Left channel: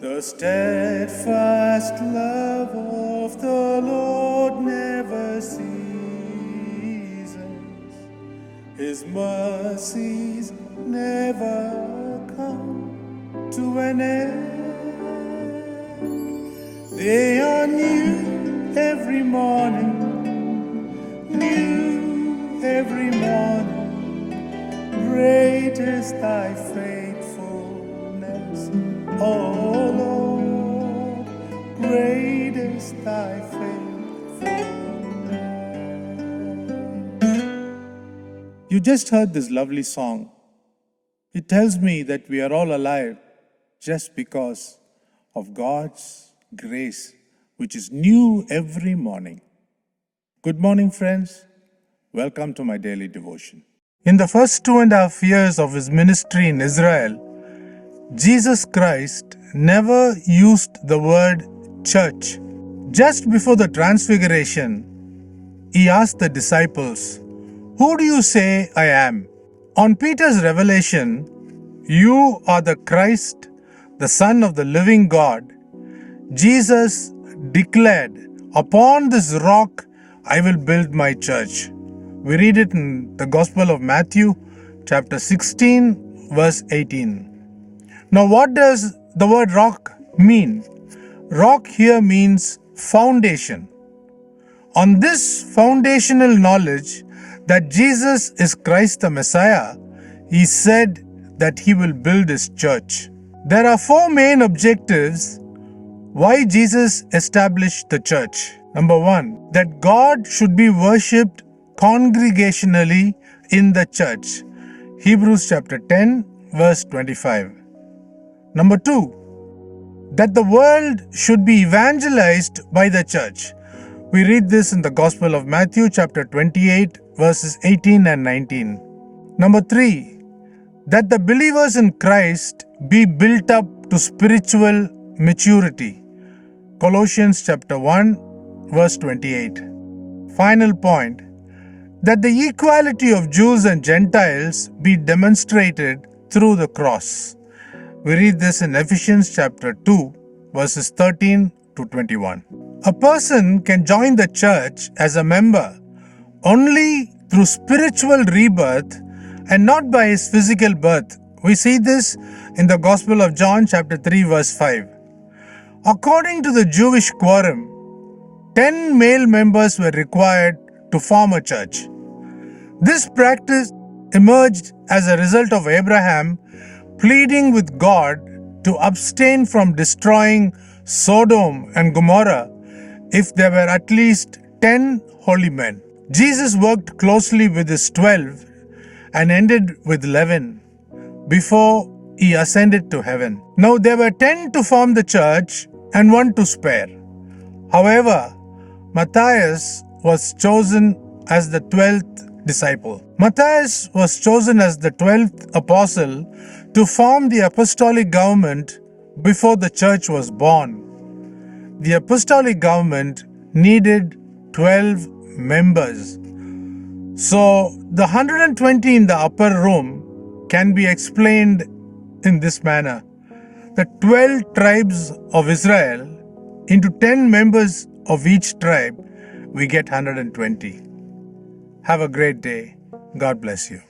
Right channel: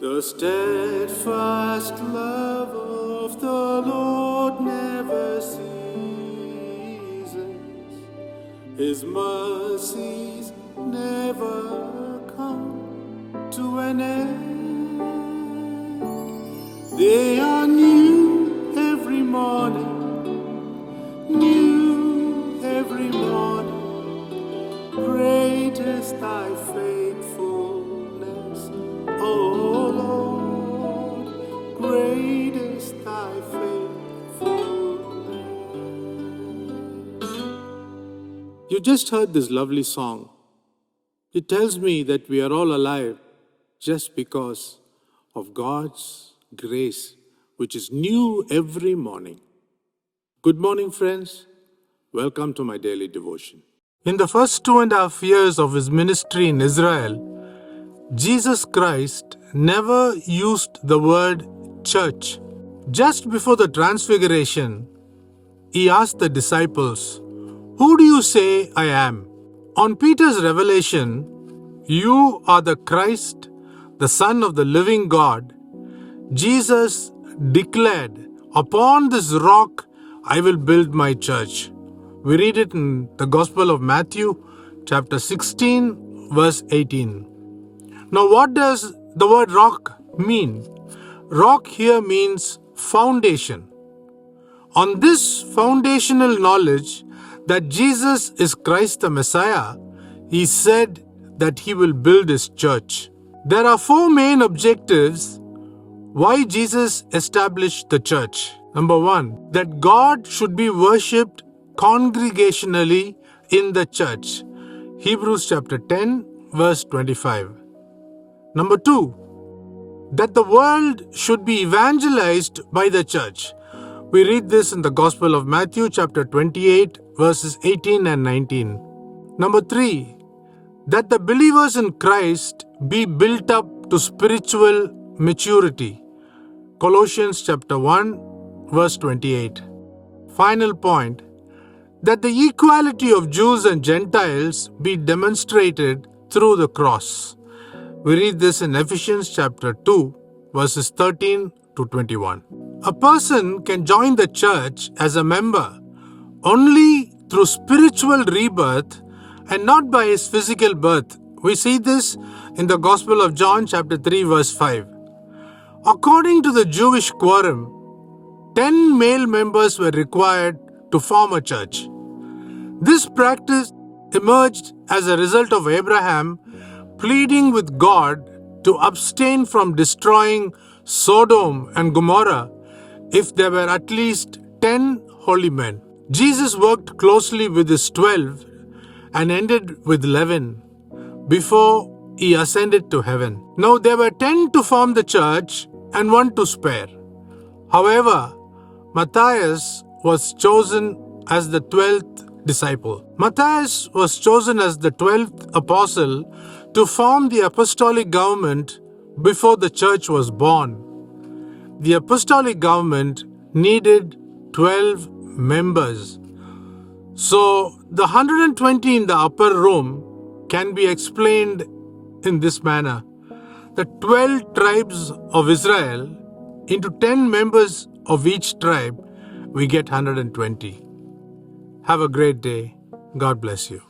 The steadfast love of the Lord never ceases. His mercies never come to an end. They are new every morning, new every morning. Great is thy faithfulness, O Lord, great is thy faithfulness. You just heard this lovely song. It tells me that we are all alive just because of God's grace, which is new every morning. Good morning, friends. Welcome to my daily devotion. In the first 2.5 years of his ministry in Israel, Jesus Christ never used the word church. Just before the transfiguration, he asked the disciples, "Who do you say I am?" On Peter's revelation, "You are the Christ, the Son of the living God," Jesus declared, "Upon this rock I will build my church." We read it in the Gospel of Matthew, chapter 16, verse 18. Now, what does the word rock mean? Rock here means foundation. On this foundational knowledge that Jesus is Christ the Messiah, he said that he will build his church. There are 4 main objectives why Jesus established the church. Number 1, that God should be worshipped congregationally in the church. Hebrews chapter 10, verse 25. Number 2, that the world should be evangelized by the church. We read this in the Gospel of Matthew chapter 28, verses 18 and 19. Number 3, that the believers in Christ be built up to spiritual maturity. Colossians chapter 1, verse 28. Final point, that the equality of Jews and Gentiles be demonstrated through the cross. We read this in Ephesians chapter 2, verses 13 to 21. A person can join the church as a member only through spiritual rebirth and not by his physical birth. We see this in the Gospel of John chapter 3, verse 5. According to the Jewish quorum, 10 male members were required to form a church. This practice emerged as a result of Abraham pleading with God to abstain from destroying Sodom and Gomorrah if there were at least 10 holy men. Jesus worked closely with his 12 and ended with 11 before he ascended to heaven. Now there were 10 to form the church and 1 to spare. However, Matthias was chosen as the 12th disciple. Matthias was chosen as the 12th apostle to form the apostolic government before the church was born. The apostolic government needed 12 members. So the 120 in the upper room can be explained in this manner. The 12 tribes of Israel into 10 members of each tribe, we get 120. Have a great day. God bless you.